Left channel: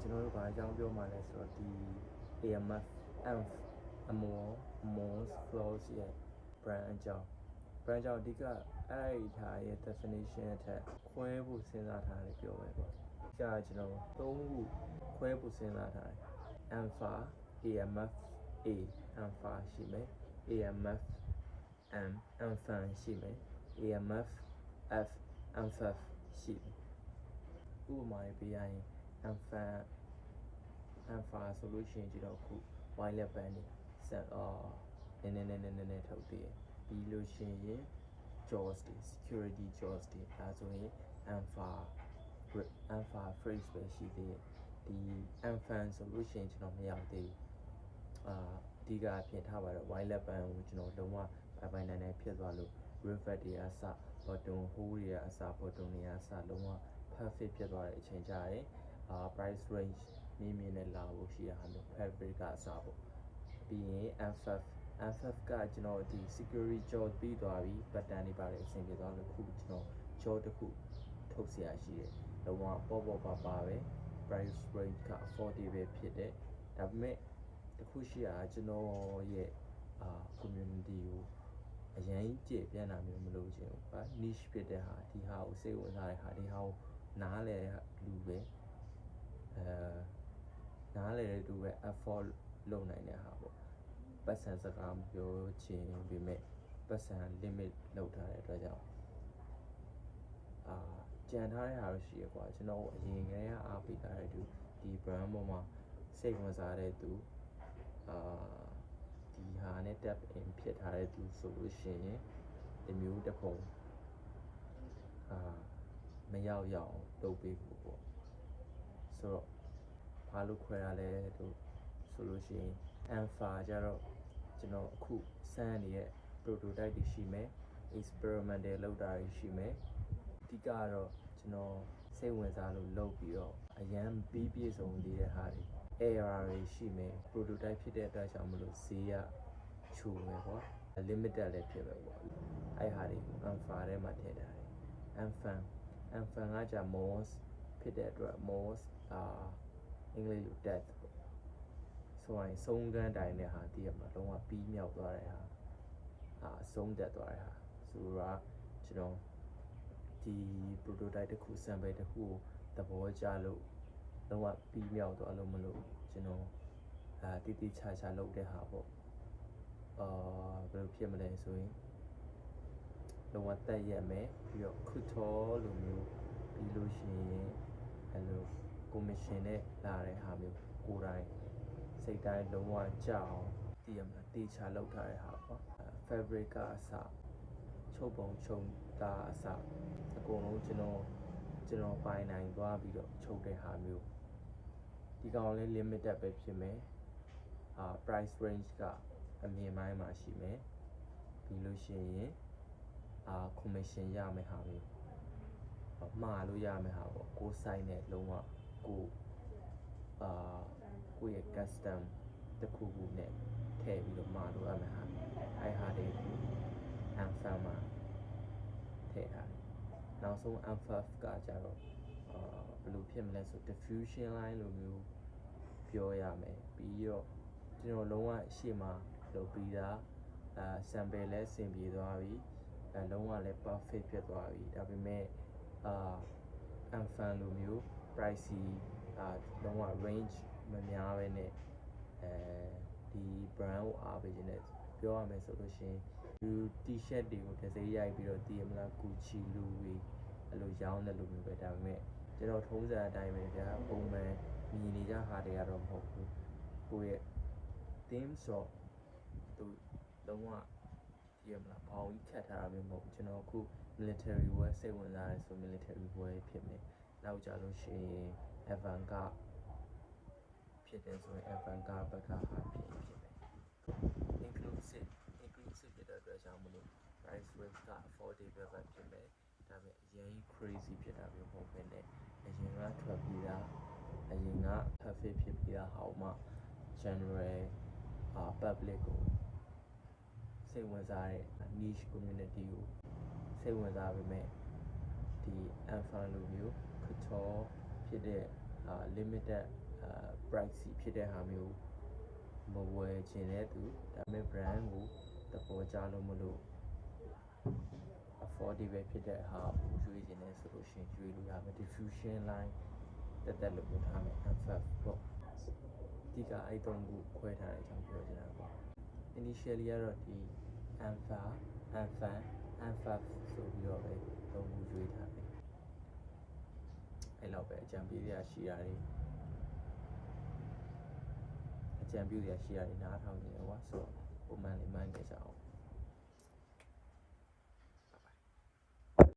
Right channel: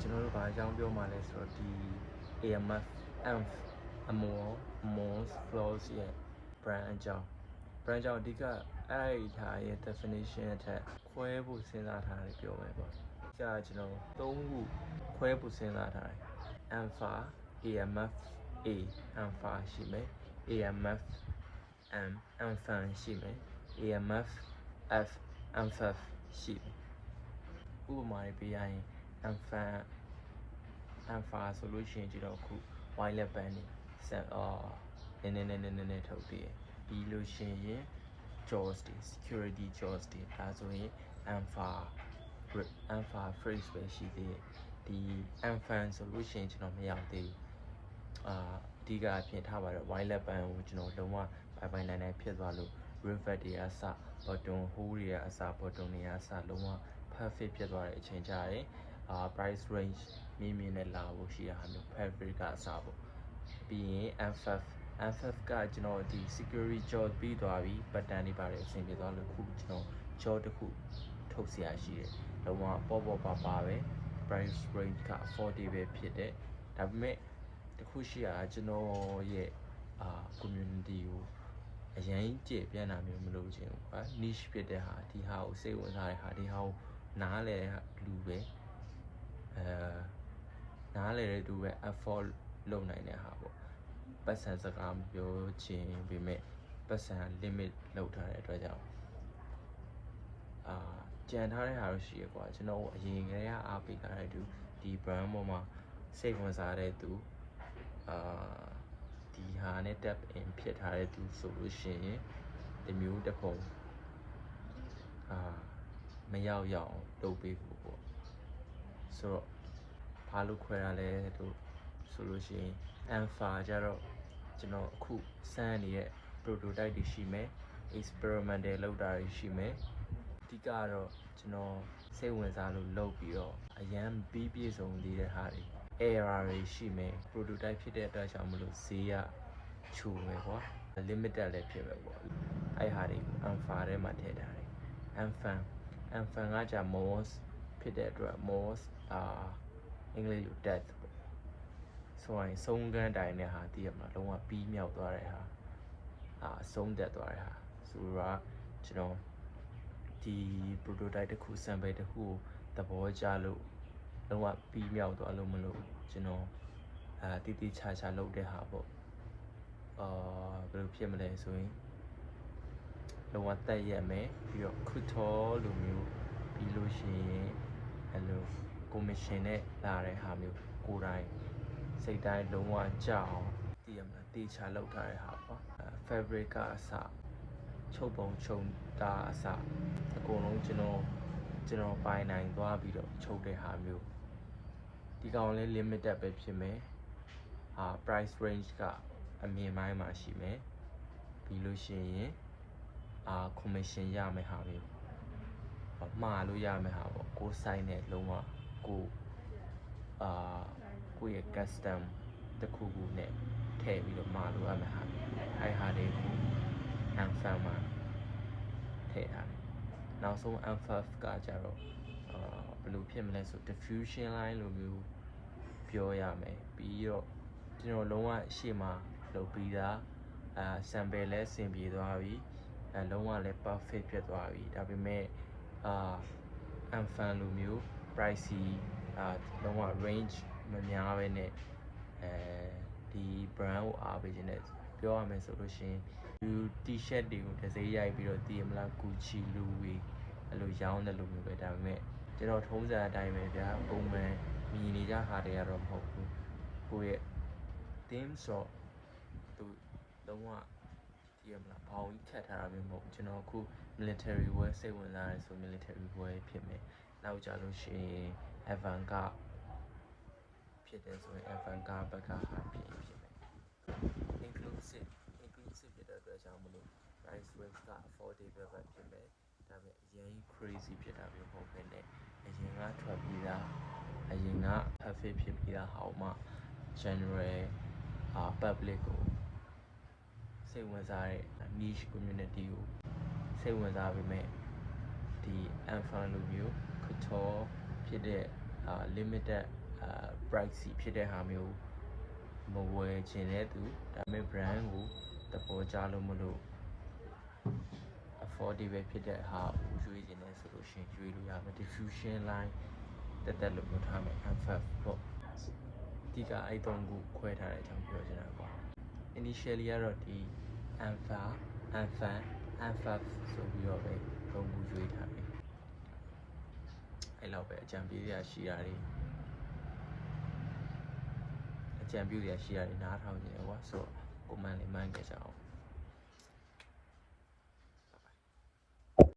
ကျွန်တော်တို့ဘာအကြောင်းပြောမှလဲဆိုတော့ဒီ AMF AMF Amors Flows ရဲ့ brand အကြောင်းအဓိကအဲ့ဒါရဲ့ definition အထက်ခွဲဖို့စဉ်းစားထားတယ်ပြောမယ်ပေါ့ကြာကျွန်တော်၃ခုခွဲဖို့စဉ်းစားထားတယ် Alpha AMF A Alpha ရှိမယ် AMF M Alpha ရှိမယ် AMF F Alpha ရှိမယ်ဥပမာပေးရရင် Alpha ဆိုလို့ရှိရင်ကျွန်တော်ခု wireless band နေနည်းထုတ်ပြီးပြီးလို့ရှိရင် jaws တွေ security jaws တွေဒါဆိုရင် alpha phrase ပဲရှိသေးတယ်ဒီ alpha ဆိုလို့ရှိရင်ကျွန်တော်မရောက်သေးဘူးအဓိကအဖြစ်ထားပါတော့ wireless band ကိုကျွန်တော်လုံးဝပိုင်နိုင်ဖြစ်သွားလို့ rivet တွေအစ button hole တွေအစ button တွေအစလုံးဝ perfect ဖြစ်သွားတဲ့အချိန်ကြရင်price range မြင့်နဲ့လာဖို့ရှိတာမျိုး fabric ကအစပေါ့ပြီးရင် FF ကကျွန်တော်ဒီ security jaw ပြီးသွားပြီ button တွေပါတယ်အဆင်ပြေသွားလို့ခုကျွန်တော် jaw တစ်ခုထုတ်เสียရှိတယ်လုံးဝပေါ့ပါပဲ price range က affordable ဖြစ်တယ်ဒါပေမဲ့တခုရှိတာကျွန်တော်ရဲ့community ကိုအရင်ကြည့်ပြန်တာမျိုးမလုပ်ချင်ဘူးကွာ niche ဖြစ်တဲ့ဟာဒီဟာကိုစိတ်ဝင်စားတဲ့ဟာဒီဟာကိုနားလဲလူပဲနားလဲတဲ့သူပဲ afford လုပ်နိုင်တဲ့ဟာပေါ့ပတ်စံစကားမပြောချင်ပေမဲ့ပတ်စံ limit လောက်ထားတဲ့အတွက်ကြောင့်ကြံထားတဲ့ဟာတော့ရှိရကွာကျွန်တော်အရင်ကတည်းကအားပေးထားတဲ့သူဒီ brand ပေါ်မှာစိတ်ဝင်စားတဲ့သူဒီဟာနဲ့ tap in ဖြစ်ထားတဲ့သူဆိုလို့ရှိရင်ဒီမျိုးတစ်ပုံမရောက်အောင်လုပ်ပေးဖို့ပေါ့ဆိုတော့ဘာလို့ခွဲရလဲတို့ဆိုလို့ရှိရင် alpha ကြတော့ကျွန်တော်အခုစမ်းနေတဲ့ prototype တွေရှိမယ် experimental လုပ်တာတွေရှိမယ်အဓိကတော့ကျွန်တော်စိတ်ဝင်စားလို့လုပ်ပြီးတော့အရန်ပြီးပြည့်စုံသေးတဲ့ဟာတွေ error တွေရှိမယ် prototype ဖြစ်တဲ့အတွက်ကြောင့်မလို့ဈေးကချိုးမယ်ကွာ limited လည်းဖြစ်မယ်ပေါ့အဲ့ဟာတွေ alpha ထဲမှာထည့်ထားတယ် alpha ကကြာ moss ဖြစ်တဲ့အတွက် moss အင်္ဂလိပ်လို death ဆိုရင်ဆုံးကန်းတိုင်းတဲ့ဟာတည်ရမှာလုံးဝပြီးမြောက်သွားတဲ့ဟာဆုံးသက်သွားတဲ့ဟာဆိုတော့ကျွန်တော်ဒီ prototype တစ်ခု sample တစ်ခုကိုသဘောကျလို့လုံးဝပြီးမြောက်သွားလို့မလို့ကျွန်တော်တိတိကျကျလုပ်တဲ့ဟာပေါ့ဘယ်လိုဖြစ်မလဲဆိုရင်လုံးဝတက်ရက်မယ်ပြီးတော့ခုထောလိုမျိုးပြီးလို့ရှိရင်အဲ့လို commission နဲ့လာတဲ့ဟာမျိုးကိုယ်တိုင်စိတ်တိုင်းလုံးဝကြောက်အောင်တည်ရမလားတေချာလောက်ထားတဲ့ဟာပေါ့fabric ကအစချုပ်ပုံချုပ်တာအစအကုန်လုံးကျွန်တော်ပိုင်နိုင်သွားပြီးတော့ချုပ်တဲ့ဟာမျိုးဒီကောင်လေး limited ပဲဖြစ်မယ်price range ကအမြင့်ပိုင်းမှာရှိမယ်ပြီးလို့ရှိရင်commission ရမယ်ဟာမျိုးမှားလို့ရမယ်ဟာပေါ့ကိုယ်ဆိုင်နဲ့လုံးဝကိုယ့်ရဲ့ custom တစ်ခုခုနဲ့ထည့်ပြီးတော့မှာလို့ရမယ်ဟာအဲ့ဟာတွေကို alpha မှာထည့်ထားတယ်နောက်ဆုံး alpha ကကြတော့ဘယ်လိုဖြစ်မလဲဆို diffusion line လိုမျိုးပြောရမယ်ပြီးတော့ကျွန်တော်လုံးဝရှေ့မှာလုပ်ပြီးသားsample လဲဆင်ပြေသွားပြီလုံးဝလည်း perfect ဖြစ်သွားပြီဒါပေမဲ့unfan လိုမျိုး pricey လုံးဝ range မများပဲနဲ့ဒီ brand ကိုအားပေးခြင်းနဲ့ပြောရမယ်ဆိုလို့ရှိရင်ဒီ t-shirt တွေကိုတစ်စိမ်းရိုက်ပြီးတော့တည်မလား Gucci လိုဝေအဲ့လိုရောင်းတယ်လို့မျိုးပဲဒါပေမဲ့ကျွန်တော်ထုံးစံအတိုင်းပဲဗျာပုံမှန်မြင်နေကြဟာတွေကတော့မဟုတ်ဘူးကိုယ့်ရဲ့ theme shop သူလုံးဝတည်မလားဘောင်ကြီးထက်ထားတာမျိုးမဟုတ်ကျွန်တော်အခု military wear စိတ်ဝင်စားရဲဆို military wear ဖြစ်မယ်နောက်ကြလို့ရှိရင် avant-garde ဖြစ်တယ်ဆိုရင် avant-garde ဘက်ကဟာဖြစ်မယ် inclusive ဖြစ်တဲ့အတွက်ကြောင့်မလို့ price range က affordable ပဲဖြစ်မယ်ဒါပေမဲ့အရင် crazy ဖြစ်တာမျိုးမဟုတ်ဘဲနဲ့အရင်ကထွက်ပြီးသားအရင်က perfect ဖြစ်ပြီးသားဟောင်းမှ general public ကိုစိတ်ဝင်စားတဲ့ niche community ကိုစိတ်ဝင်စားပေမဲ့ဒီ alpha လိုမျိုးcouture ဖြစ်တဲ့ limited price ဖြစ်တဲ့ဟာမျိုးမဝယ်ချင်တဲ့သူဒါပေမဲ့ brand ကိုသဘောကျလို့မလို့ affordable ဖြစ်တဲ့ဟာကိုရွေးချင်တယ်ဆိုလို့ရှိရင်ရွေးလို့ရမယ် diffusion line တက်လို့ပြောထားမယ် M5 ပေါ့ဒီကအဲ့3ခုခွဲထားတဲ့အကြောင်းပြောချင်တာပေါ့ initially ကတော့ဒီ M5 ဆိုပြီးတော့ပဲ3ခုရွေးထားတယ်အဲ့လောက်ပဲအကြံပေးရရှိတာတွေနားထောင်နေတယ်ကွာဆိုတော့ comment လေးမှန်းခဲ့ကြအောင်